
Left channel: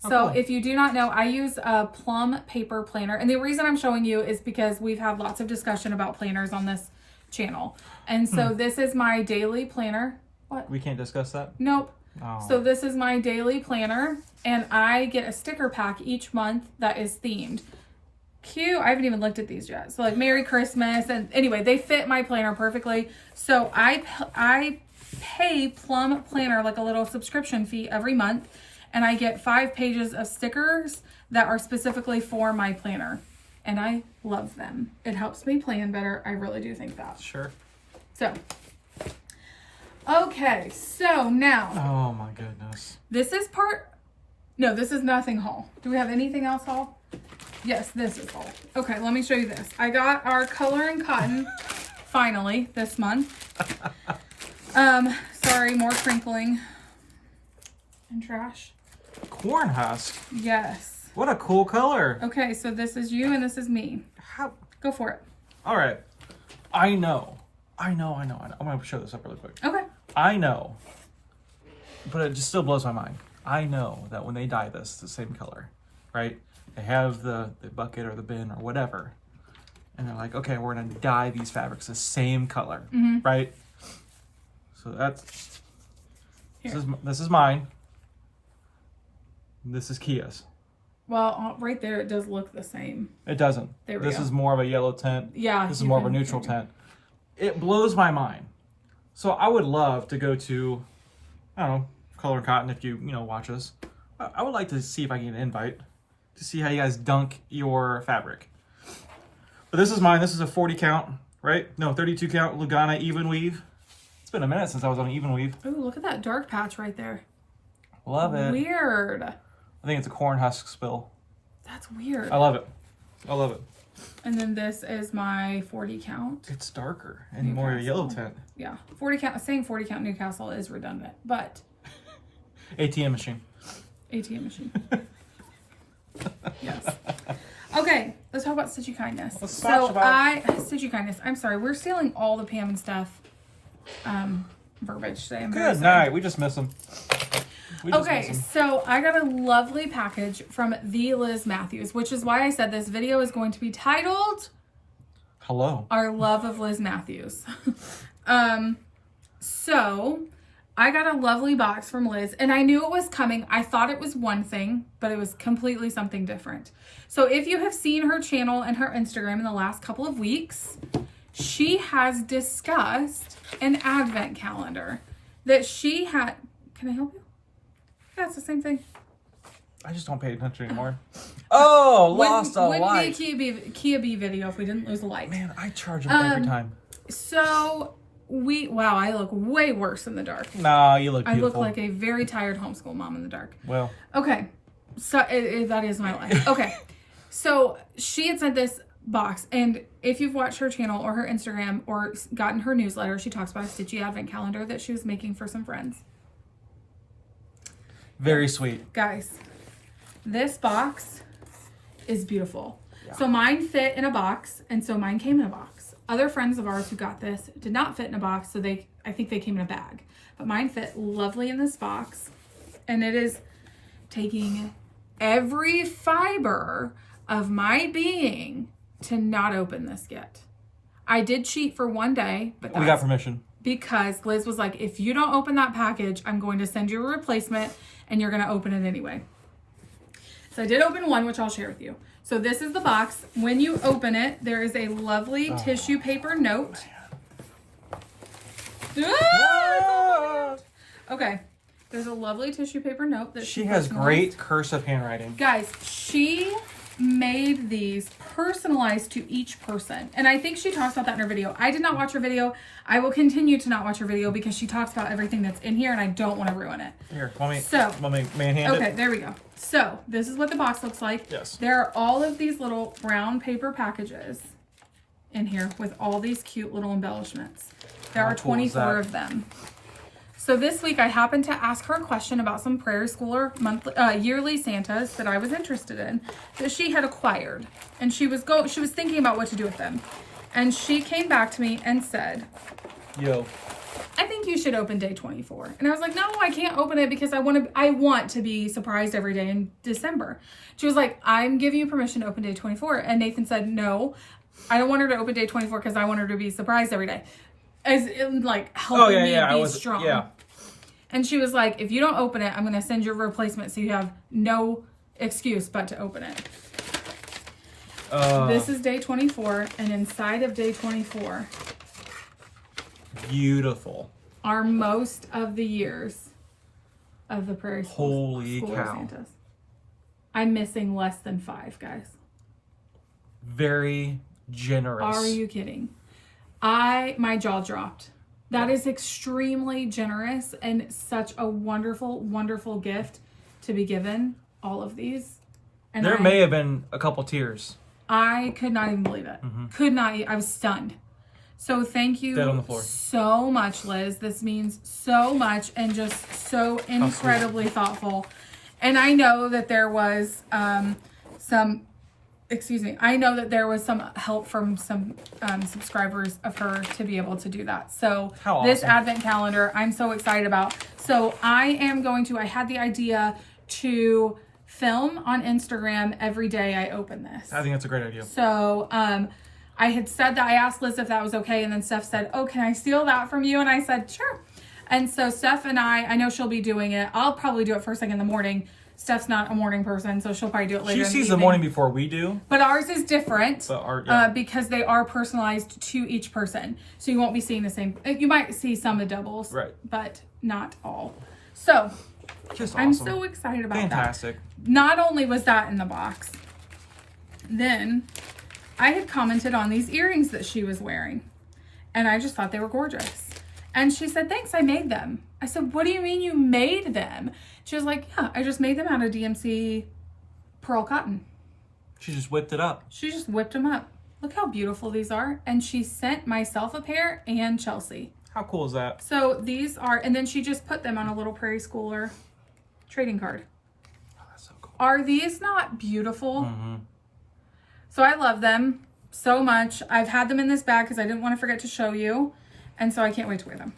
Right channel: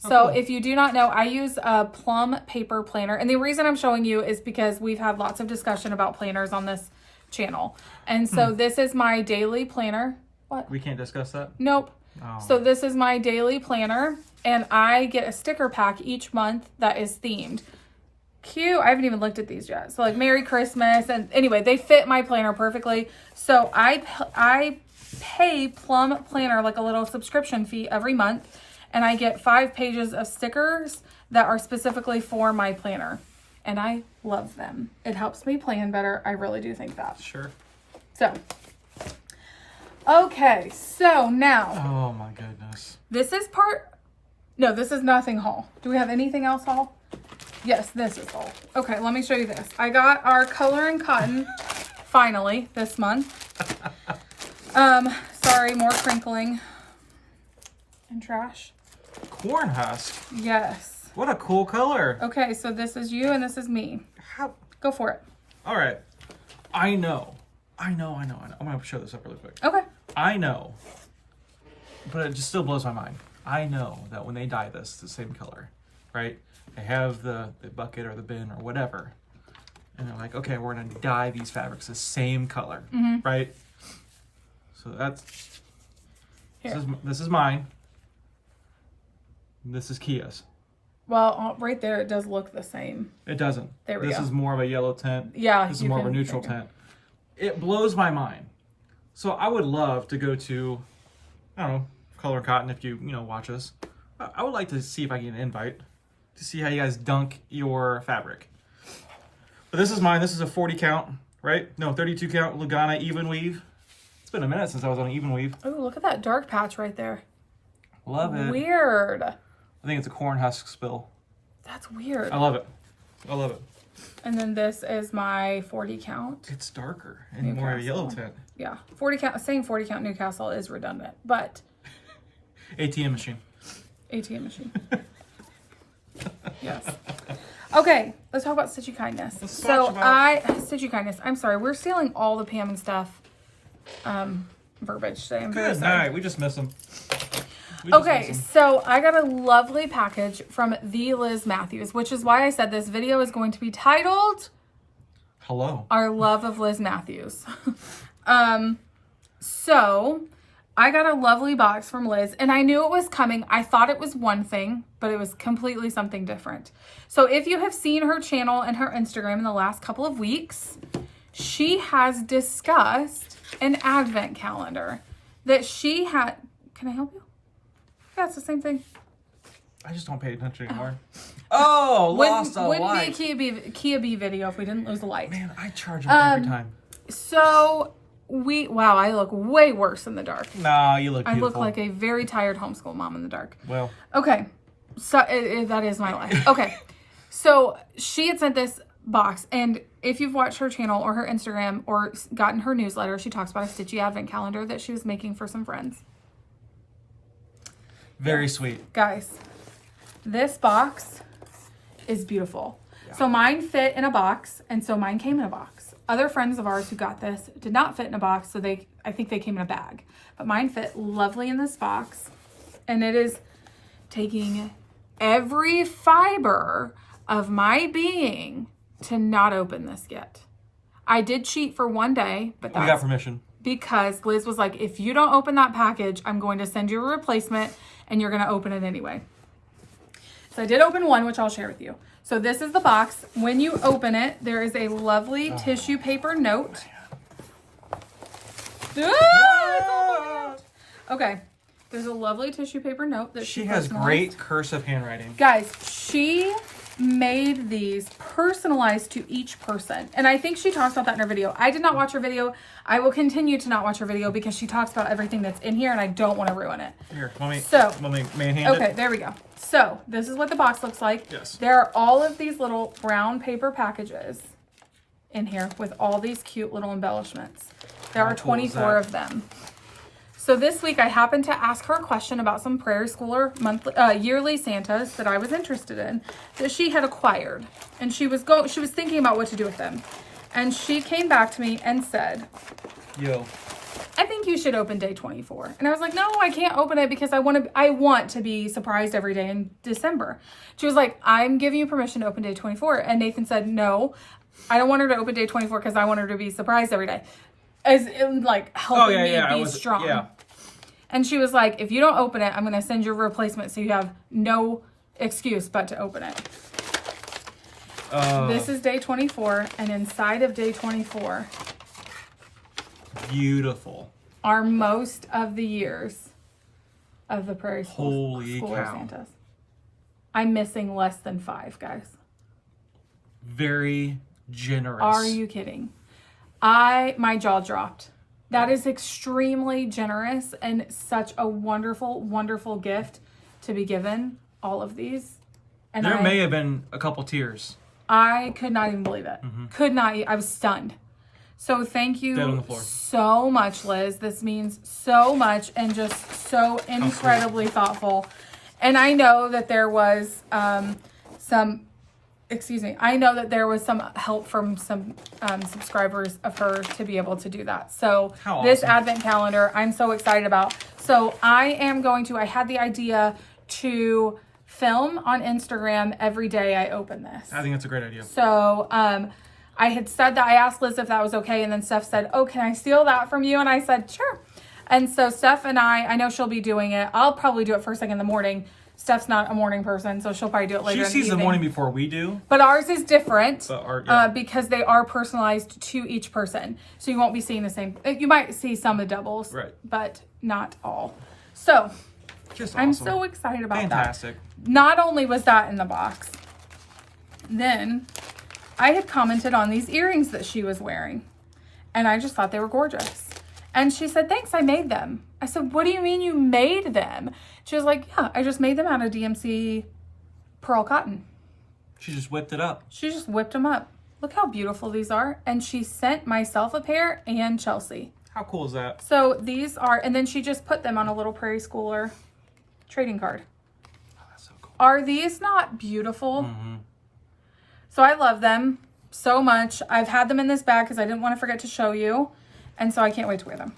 So if you do not know, I use a plum paper planner. And the reason I'm showing you is because we've had lots of discussion about planners on this channel. And so this is my daily planner. What? We can't discuss that? Nope. Oh. So this is my daily planner. And I get a sticker pack each month that is themed. Cute. I haven't even looked at these yet. So like Merry Christmas. And anyway, they fit my planner perfectly. So I pay Plum Planner like a little subscription fee every month. And I get 5 pages of stickers that are specifically for my planner. And I love them. It helps me plan better. I really do think that. Sure. So, okay. So now. Oh my goodness. This is this is nothing haul. Do we have anything else haul? Yes, this is haul. Okay, let me show you this. I got our Color and Cotton finally, this month. Sorry, more crinkling and trash. Corn husk. Yes. What a cool color. Okay, so this is you and this is me. How? Go for it. All right. I know. I'm going to show this up really quick. Okay. I know, but it just still blows my mind. I know that when they dye this, it's the same color, right? They have the bucket or the bin or whatever, and they're like, okay, we're going to dye these fabrics the same color, right? So that's, this is mine. This is Kia's. Well, right there, it does look the same. It doesn't. This is more of a yellow tint. Yeah. This is more of a neutral tint. It blows my mind. So I would love to go to, I don't know, Color and Cotton if you watch us. I would like to see if I can get an invite to see how you guys dunk your fabric. But this is mine. This is a 40 count, right? No, 32 count Lugana even weave. It's been a minute since I was on an even weave. Oh, look at that dark patch right there. Love it. Weird. I think it's a corn husk spill. That's weird. I love it. I love it. And then this is my 40 count. It's darker and more of a yellow tint. Yeah. 40 count, saying 40 count Newcastle is redundant, but. ATM machine. ATM machine. Yes. Okay, let's talk about Stitchy Kindness. Stitchy Kindness. I'm sorry, we're stealing all the Pam and stuff verbiage today. I'm Good night. We just miss them. Okay, so I got a lovely package from the Liz Mathews, which is why I said this video is going to be titled Hello. Our Love of Liz Mathews. So I got a lovely box from Liz, and I knew it was coming. I thought it was one thing, but it was completely something different. So if you have seen her channel and her Instagram in the last couple of weeks, she has discussed an advent calendar that she had. Can I help you? Yeah, it's the same thing. I just don't pay attention anymore. Oh, lost a light. Wouldn't be a Kia B video if we didn't lose a light. Man, I charge them every time. So wow, I look way worse in the dark. Nah, you look beautiful. I look like a very tired homeschool mom in the dark. Well. Okay, so that is my life. Okay, so she had sent this box, and if you've watched her channel or her Instagram or gotten her newsletter, she talks about a Stitchy advent calendar that she was making for some friends. Very sweet. Guys, this box is beautiful. Yeah. So mine fit in a box, and so mine came in a box. Other friends of ours who got this did not fit in a box, so I think they came in a bag. But mine fit lovely in this box, and it is taking every fiber of my being to not open this yet. I did cheat for one day, but we got permission. Because Liz was like, if you don't open that package, I'm going to send you a replacement, and you're going to open it anyway. So I did open one, which I'll share with you. So this is the box. When you open it, there is a lovely tissue paper note. Okay. There's a lovely tissue paper note that she has great cursive handwriting. Guys, she made these personalized to each person. And I think she talks about that in her video. I did not watch her video. I will continue to not watch her video because she talks about everything that's in here and I don't want to ruin it. Here, let me manhand it. Okay, there we go. So this is what the box looks like. Yes. There are all of these little brown paper packages in here with all these cute little embellishments. There are 24 of them. So this week I happened to ask her a question about some prairie schooler yearly Santas that I was interested in that she had acquired, and she was thinking about what to do with them, and she came back to me and said, "Yo, I think you should open day 24." And I was like, "No, I can't open it because I want to be surprised every day in December." She was like, "I'm giving you permission to open day 24," and Nathan said, "No, I don't want her to open day 24 because I want her to be surprised every day." As like helping me be strong. Yeah. And she was like, if you don't open it, I'm going to send you a replacement so you have no excuse but to open it. This is day 24, and inside of day 24, beautiful, are most of the years of the prairie school. Holy cow. Santas. I'm missing less than 5, guys. Very generous. Are you kidding? My jaw dropped. That is extremely generous and such a wonderful, wonderful gift to be given. All of these. And there may have been a couple tears. I could not even believe it. Could not. I was stunned. So thank you Dead on the floor. so much, Liz. This means so much and just so incredibly thoughtful. And I know that there was I know that there was some help from some subscribers of her to be able to do that. So this advent calendar, I'm so excited about. So I had the idea to film on Instagram every day I open this. I think that's a great idea. So I had said that, I asked Liz if that was okay, and then Steph said, oh, can I steal that from you? And I said, sure. And so Steph and I know she'll be doing it. I'll probably do it first thing in the morning. Steph's not a morning person, so she'll probably do it later. She sees the morning before we do. But ours is different So because they are personalized to each person. So you won't be seeing the same. You might see some of doubles, right, but not all. So just awesome. I'm so excited about Fantastic. that. Not only was that in the box, then I had commented on these earrings that she was wearing, and I just thought they were gorgeous. And she said, thanks, I made them. I said, what do you mean you made them? She was like, yeah, I just made them out of DMC pearl cotton. She just whipped it up. She just whipped them up. Look how beautiful these are. And she sent myself a pair and Chelsea. How cool is that? So these are, and then she just put them on a little Prairie Schooler trading card. Oh, that's so cool. Are these not beautiful? Mm-hmm. So I love them so much. I've had them in this bag because I didn't want to forget to show you. And so I can't wait to wear them.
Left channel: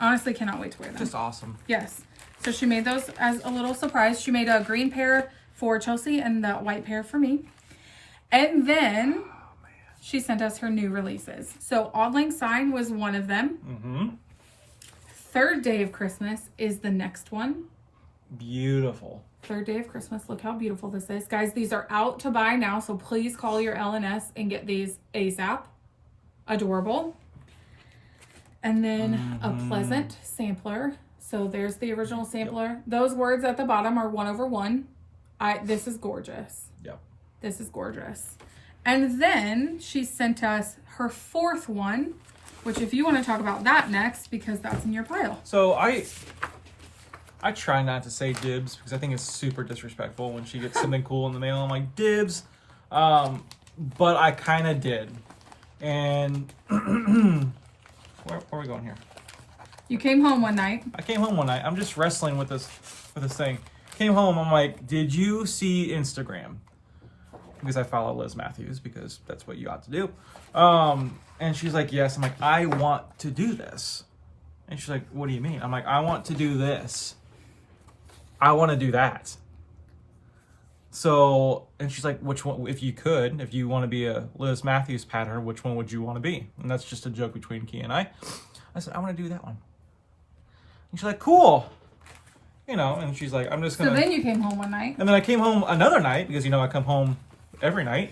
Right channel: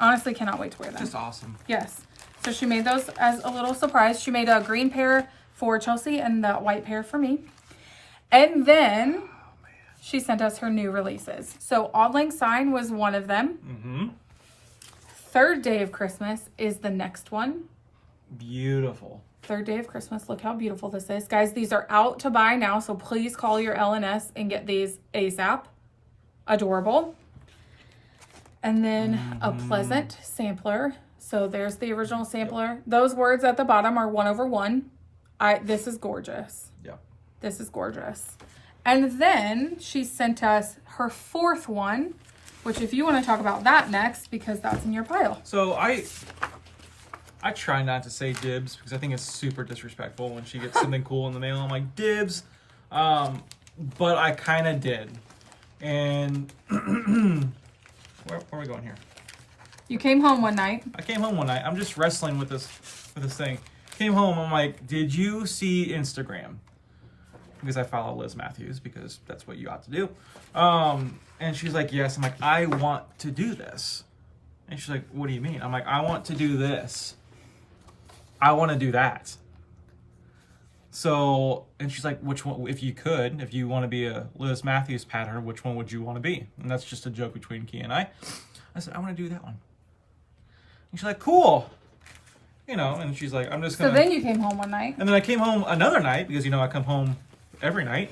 Honestly, cannot wait to wear them. Just awesome. Yes. So she made those as a little surprise. She made a green pair for Chelsea and the white pair for me. And then she sent us her new releases. So Auld Lang Syne was one of them. Mm-hmm. Third Day of Christmas is the next one. Beautiful. Third Day of Christmas. Look how beautiful this is. Guys, these are out to buy now. So please call your LNS and get these ASAP. Adorable. And then a Pleasant sampler. So there's the original sampler. Yep. Those words at the bottom are 1/1. This is gorgeous. Yep. This is gorgeous. And then she sent us her fourth one, which if you want to talk about that next, because that's in your pile. So I try not to say dibs because I think it's super disrespectful when she gets something cool in the mail. I'm like, dibs. But I kind of did. And where are we going here? You came home one night. I came home one night. I'm just wrestling with this thing. Came home. I'm like, did you see Instagram? Because I follow Liz Mathews because that's what you ought to do. And she's like, yes. I'm like, I want to do this. And she's like, what do you mean? I'm like, I want to do this. I want to do that. So, and she's like, which one, if you want to be a Liz Mathews pattern, which one would you want to be? And that's just a joke between Key and I. I said, I want to do that one. And she's like, cool. You know, and she's like, I'm just going to. So then you came home one night. And then I came home another night because, I come home every night.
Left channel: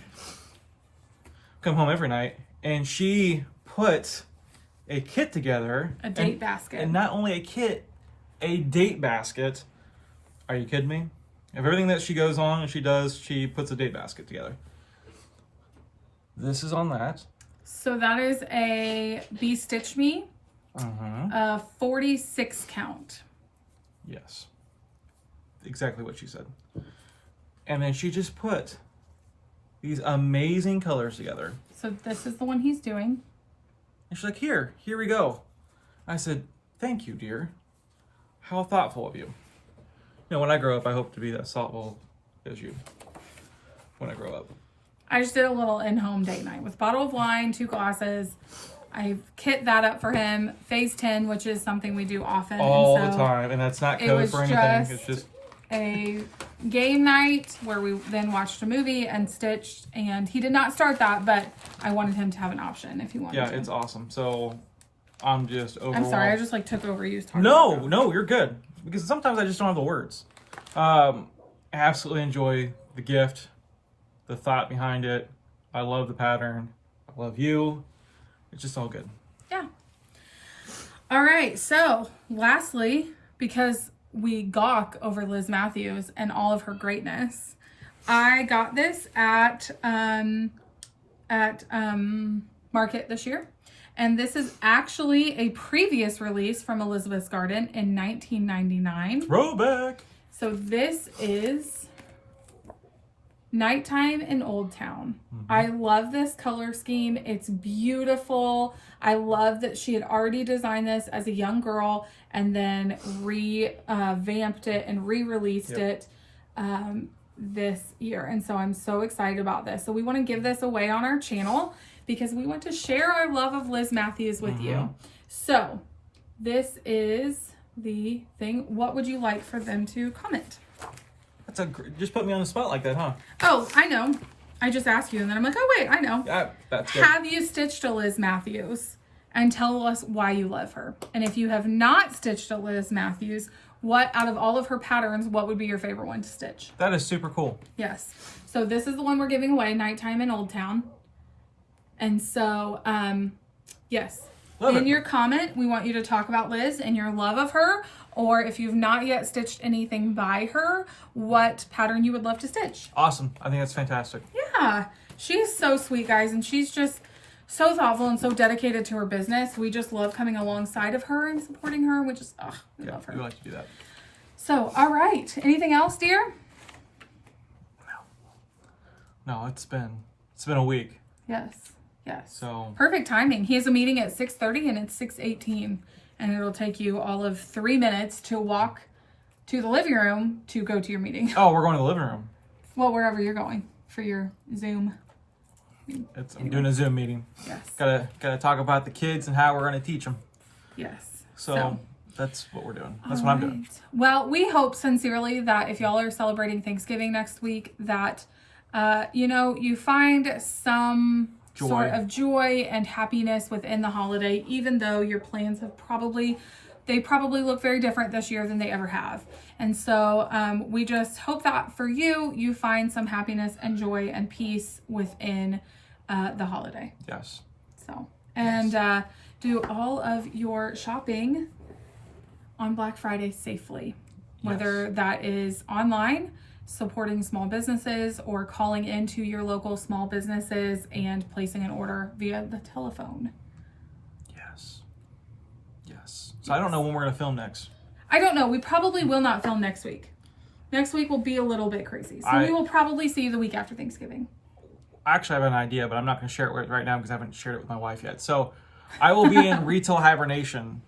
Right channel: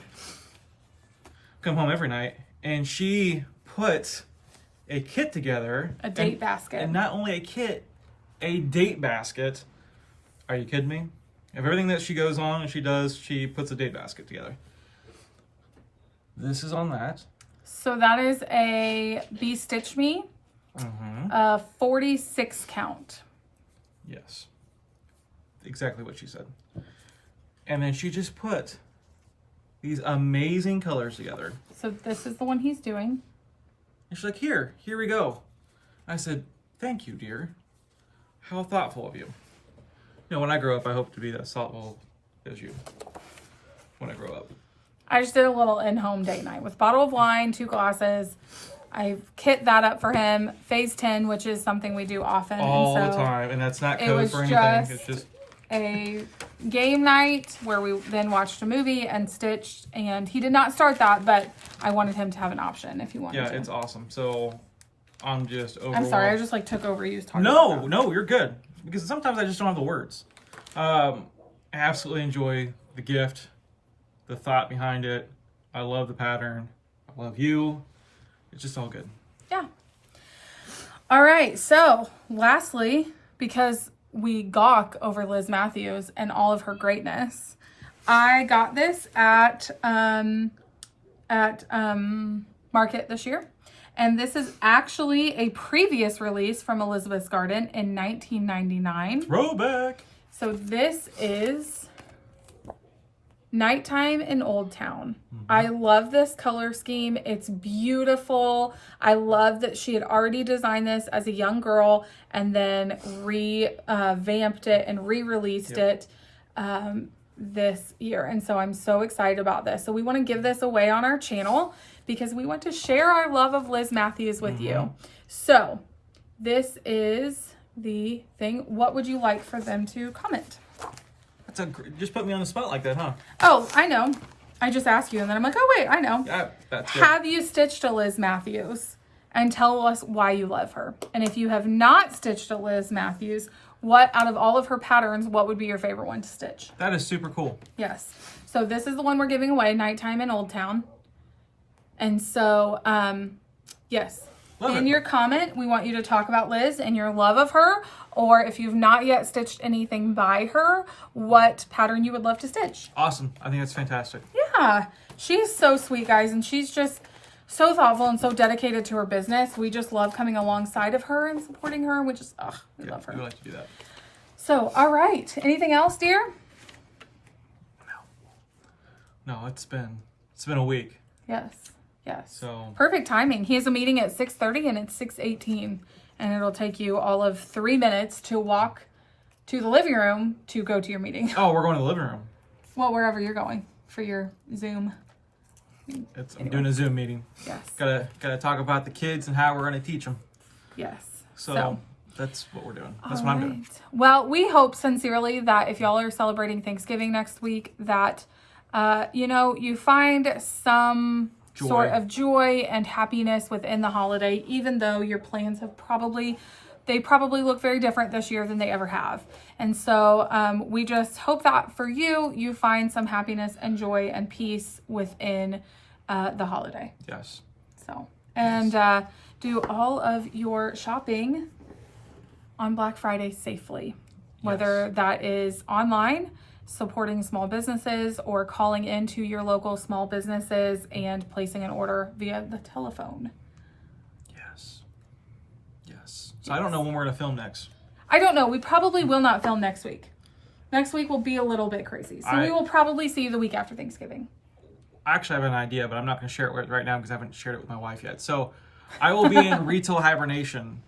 And she put a kit together. A date basket. And not only a kit, a date basket. Are you kidding me? Of everything that she goes on and she does, she puts a date basket together. This is on that. So that is a Be Stitch Me, 46 count. Yes. Exactly what she said. And then she just put these amazing colors together. So this is the one he's doing. And she's like, here we go. I said, thank you, dear. How thoughtful of you. When I grow up, I hope to be as thoughtful as you when I grow up. I just did a little in-home date night with bottle of wine, 2 glasses. I kit that up for him. Phase 10, which is something we do often. All the time. And that's not code for anything. It's just a game night where we then watched a movie and stitched. And he did not start that, but I wanted him to have an option if he wanted to. Yeah, it's awesome. So I'm just overwhelmed. I'm sorry, I just took over you talking. No, you're good. Because sometimes I just don't have the words. Absolutely enjoy the gift, the thought behind it. I love the pattern. I love you. It's just all good. Yeah. All right. So lastly, because we gawk over Liz Mathews and all of her greatness, I got this at Market this year. And this is actually a previous release from Elizabeth's Garden in 1999. Throwback. So this is Nighttime in Old Town. I love this color scheme. It's beautiful. I love that she had already designed this as a young girl and then revamped it and re-released it this year. And so I'm so excited about this. So we want to give this away on our channel because we want to share our love of Liz Mathews with you. So this is the thing. What would you like for them to comment? Just put me on the spot like that, huh? Oh, I know. I just asked you and then I'm like, oh wait, I know. Yeah, that's good. Have you stitched a Liz Mathews? And tell us why you love her. And if you have not stitched a Liz Mathews, what out of all of her patterns, what would be your favorite one to stitch? That is super cool. Yes. So this is the one we're giving away, Nighttime in Old Town. And so, yes. In your comment, we want you to talk about Liz and your love of her, or if you've not yet stitched anything by her, what pattern you would love to stitch. Awesome. I think that's fantastic. Yeah. She is so sweet, guys, and she's just so thoughtful and so dedicated to her business. We just love coming alongside of her and supporting her. We just, we love her. We like to do that. So, all right. Anything else, dear? No, it's been a week. Yes. Yes. So perfect timing. He has a meeting at 6:30 and it's 6:18, and it'll take you all of 3 minutes to walk to the living room to go to your meeting. Oh, we're going to the living room. Well, wherever you're going for your Zoom. I'm doing a Zoom meeting. Yes. Gotta talk about the kids and how we're gonna teach them. Yes. So that's what we're doing. That's what I'm doing. Well, we hope sincerely that if y'all are celebrating Thanksgiving next week, that you find some sort of joy and happiness within the holiday, even though your plans have probably look very different this year than they ever have. And so we just hope that for you find some happiness and joy and peace within the holiday. Yes. So, and do all of your shopping on Black Friday safely, whether that is online, supporting small businesses, or calling into your local small businesses and placing an order via the telephone. Yes. So I don't know when we're going to film next. I don't know. We probably will not film next week. Next week will be a little bit crazy. So we will probably see you the week after Thanksgiving. Actually, I have an idea, but I'm not going to share it right now because I haven't shared it with my wife yet. So I will be in retail hibernation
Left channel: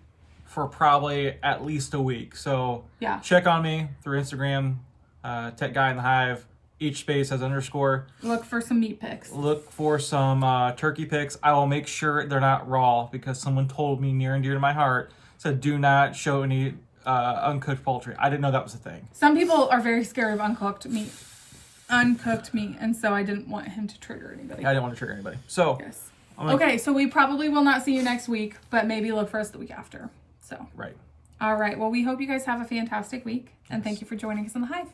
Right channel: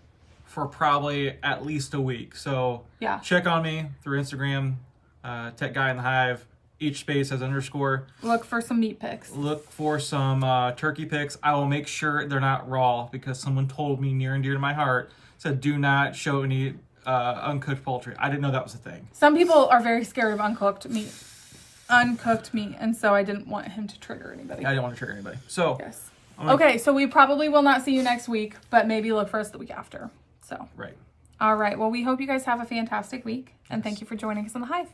for probably at least a week. So check on me through Instagram, Tech Guy in the Hive. Each space has _. Look for some meat pics. Look for some turkey pics. I will make sure they're not raw because someone told me near and dear to my heart, said do not show any uncooked poultry. I didn't know that was a thing. Some people are very scared of uncooked meat, and so I didn't want him to trigger anybody. I didn't want to trigger anybody. So okay, so we probably will not see you next week, but maybe look for us the week after. So right. All right. Well, we hope you guys have a fantastic week, and thank you for joining us on the Hive.